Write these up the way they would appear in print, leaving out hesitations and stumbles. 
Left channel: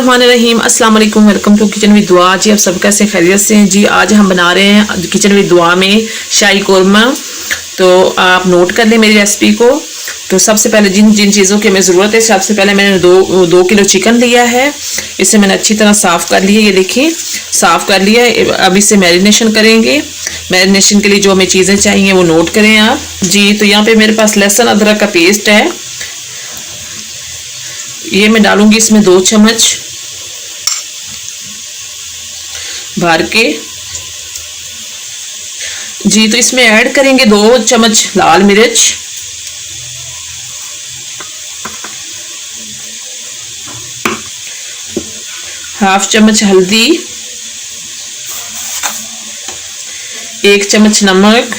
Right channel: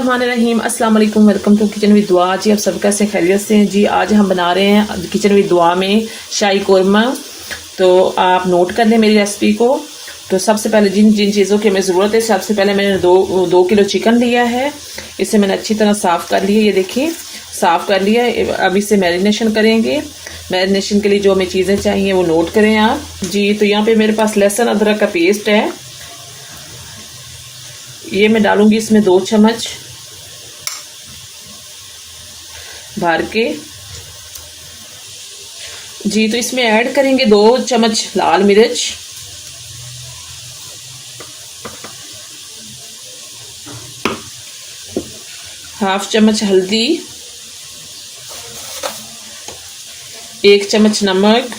बिस्मिल्लाहिर्रहमानिर्रहीम। अस्सलाम वालेकुम, वेलकम टू किचन विद दुआ। जी आप सब कैसे खैरियत से हैं जी। आज हम बना रहे हैं किचन विद दुआ में शाही कोरमा। तो आप नोट कर लें मेरी रेसिपी को। तो सबसे पहले जिन जिन चीज़ों की हमें ज़रूरत है, सबसे पहले मैंने दो किलो चिकन लिया है। इसे मैंने अच्छी तरह साफ़ कर लिया, ये देखिए साफ़ कर लिया। अब इसे मैरिनेशन करेंगे। मैरिनेशन के लिए जो हमें चीज़ें चाहिए वो नोट करें आप जी। तो यहाँ पे मेरे पास लहसुन अदरक का पेस्ट है, ये मैं डालूंगी इसमें 2 चम्मच भर के जी। तो इसमें ऐड करेंगे 2 चम्मच लाल मिर्च, 1/2 चम्मच हल्दी, 1 चम्मच नमक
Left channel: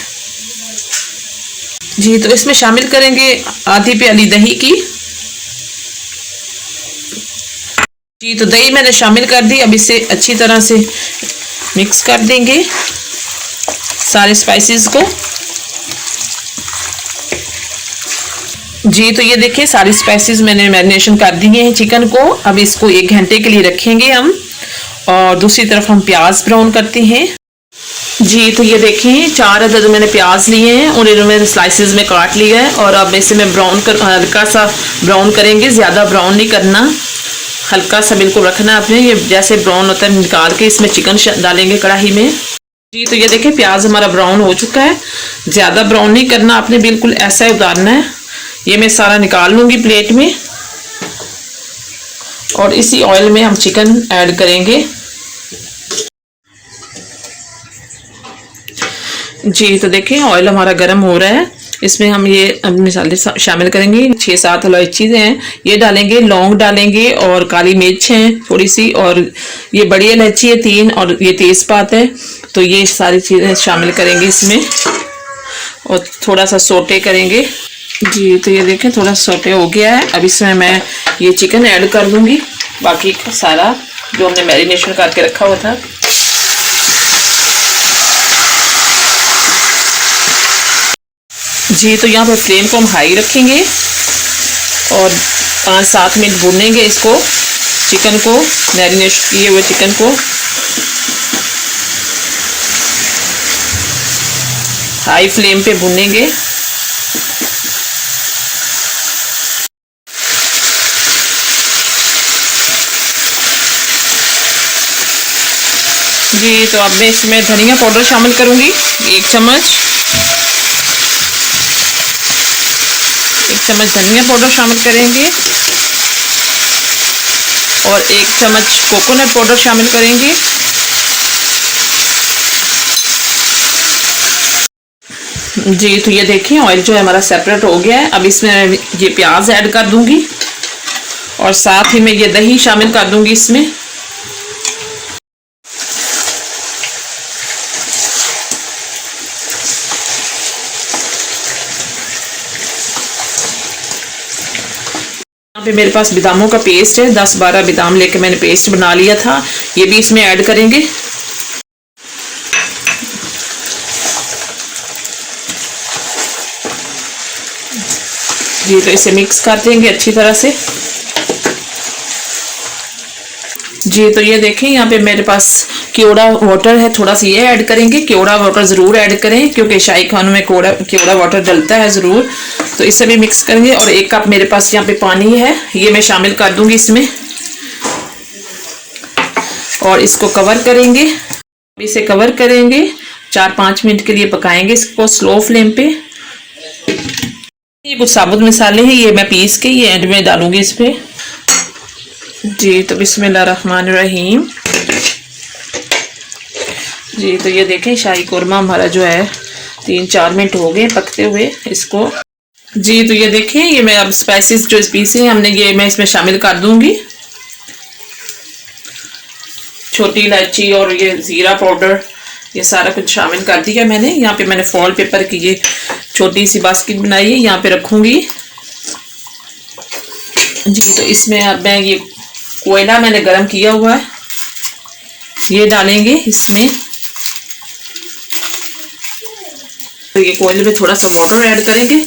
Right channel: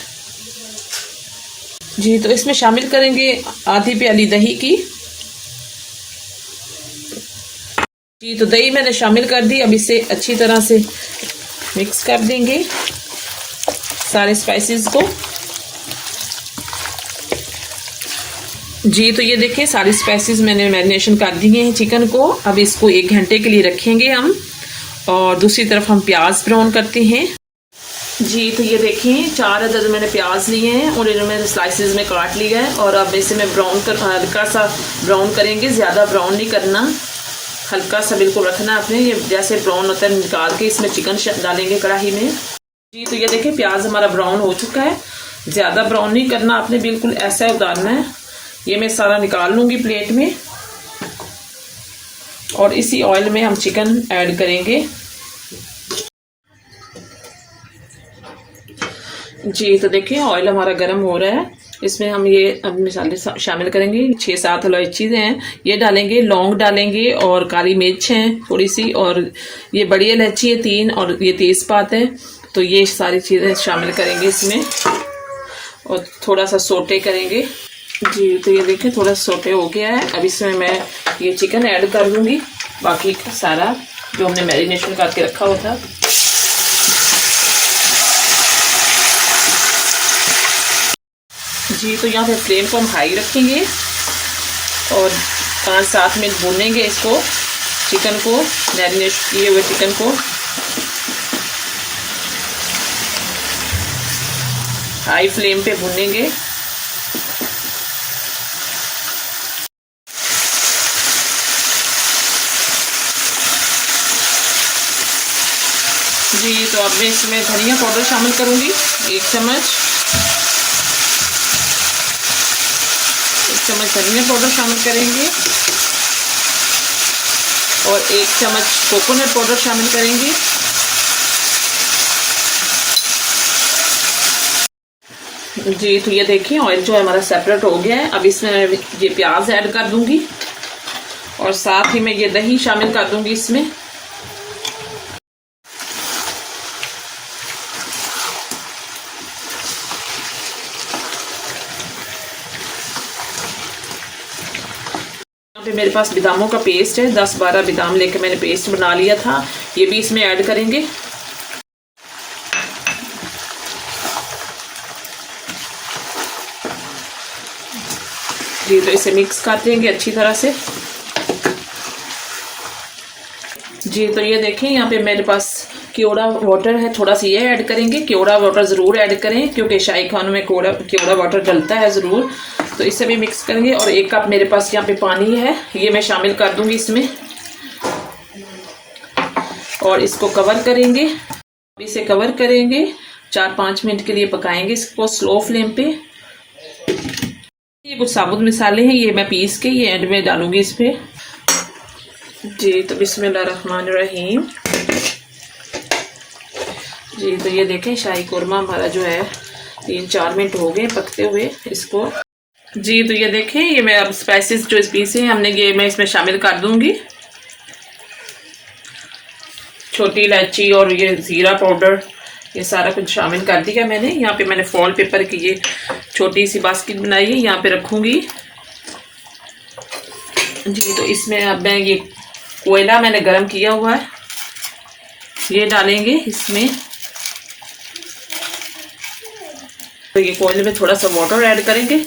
जी। तो इसमें शामिल करेंगे आधी प्याली दही की जी। तो दही मैंने शामिल कर दी। अब इसे अच्छी तरह से मिक्स कर देंगे सारे स्पाइसेस को जी। तो ये देखिए सारे स्पाइसेस मैंने मैरिनेशन कर दिए हैं चिकन को। अब इसको 1 घंटे के लिए रखेंगे हम। और दूसरी तरफ हम प्याज ब्राउन करते हैं जी। तो ये देखिए 4 अदद मैंने प्याज लिए हैं और इन्हें मैंने स्लाइसेस में काट लिया है। और अब इसे मैं हल्का सा ब्राउन करेंगे, ज़्यादा ब्राउन नहीं करना, हल्का सा बिल्कुल रखना है आपने। ये जैसे ब्राउन होता है निकाल के इसमें चिकन डालेंगे कढ़ाई में जी। तो ये देखिए प्याज हमारा ब्राउन हो चुका है, ज़्यादा ब्राउन नहीं करना आपने, बिल्कुल ऐसा ही उतारना है। ये मैं सारा निकाल लूँगी प्लेट में और इसी ऑयल में हम चिकन ऐड करेंगे जी। तो देखिए ऑयल हमारा गर्म हो रहा है, इसमें हम ये मसाले शामिल करेंगे। 6-7 इलायची हैं ये डालेंगे, लौंग डालेंगे और काली मिर्च है थोड़ी सी, और ये बड़ी इलायची है 3, और ये तेज़पात है। तो ये सारी चीज़ें शामिल करेंगे इसमें और थोड़ा सा सोटे करेंगे जी। तो ये देखें थोड़ा सोटे हो गया है। अब इसमें मैं ये चिकन ऐड कर दूँगी, बाकी सारा जो हमने मैरिनेशन करके रखा हुआ था जी। तो यहाँ पे फ्लेम को हम हाई रखेंगे और 5-7 मिनट भूनेंगे इसको, चिकन को, मैरिनेट किए हुए चिकन को हाई फ्लेम पे भूनेंगे जी। तो अब मैं इसमें धनिया पाउडर शामिल करूँगी 1 चम्मच, 1 चम्मच धनिया पाउडर शामिल करेंगे और 1 चम्मच कोकोनट पाउडर शामिल करेंगे जी। तो ये देखिए ऑयल जो है हमारा सेपरेट हो गया है। अब इसमें ये प्याज ऐड कर दूंगी और साथ ही मैं ये दही शामिल कर दूंगी इसमें पे। मेरे पास बादामों का पेस्ट है, 10-12 बादाम लेके मैंने पेस्ट बना लिया था, ये भी इसमें ऐड करेंगे जी। तो इसे मिक्स कर देंगे अच्छी तरह से जी। तो ये देखें यहाँ पे मेरे पास केवड़ा वाटर है, थोड़ा सा ये ऐड करेंगे। केवड़ा वाटर ज़रूर ऐड करें क्योंकि शाही खानों में केवड़ा वाटर डलता है ज़रूर। तो इसे भी मिक्स करेंगे और 1 कप मेरे पास यहाँ पे पानी है, ये मैं शामिल कर दूंगी इसमें और इसको कवर करेंगे। इसे कवर करेंगे 4-5 मिनट के लिए पकाएंगे इसको स्लो फ्लेम पे। ये कुछ साबुत मसाले हैं, ये मैं पीस के ये एंड में डालूंगी इस पे जी। तो बिस्मिल्लाहिर्रहमानिर्रहीम जी। तो ये देखें शाही कोरमा हमारा जो है 3-4 मिनट हो गए पकते हुए इसको जी। तो ये देखें ये मैं अब स्पाइसेस जो पीसे हैं हमने ये मैं इसमें शामिल कर दूंगी, छोटी इलायची और ये ज़ीरा पाउडर, ये सारा कुछ शामिल कर दिया मैंने। यहाँ पे मैंने फॉल पेपर की ये छोटी सी बास्केट बनाई है, यहाँ पे रखूँगी जी। तो इसमें अब मैं ये कोयला मैंने गरम किया हुआ है, ये डालेंगे इसमें। तो ये कोयले में थोड़ा सा वाटर ऐड करेंगे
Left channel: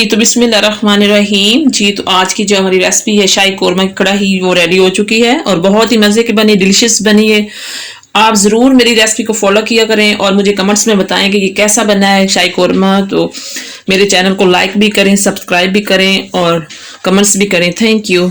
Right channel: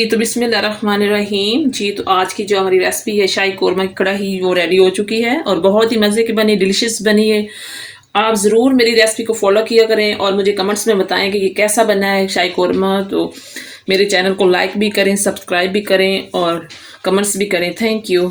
जी तो बिस्मिल्लाहिर्रहमानिर्रहीम। जी तो आज की जो हमारी रेसिपी है शाही कोरमा की कढ़ाई, वो रेडी हो चुकी है और बहुत ही मज़े की बनी, डिलिशियस बनी है। आप ज़रूर मेरी रेसिपी को फॉलो किया करें और मुझे कमेंट्स में बताएं कि ये कैसा बना है शाही कोरमा। तो मेरे चैनल को लाइक भी करें, सब्सक्राइब भी करें और कमेंट्स भी करें। Thank you.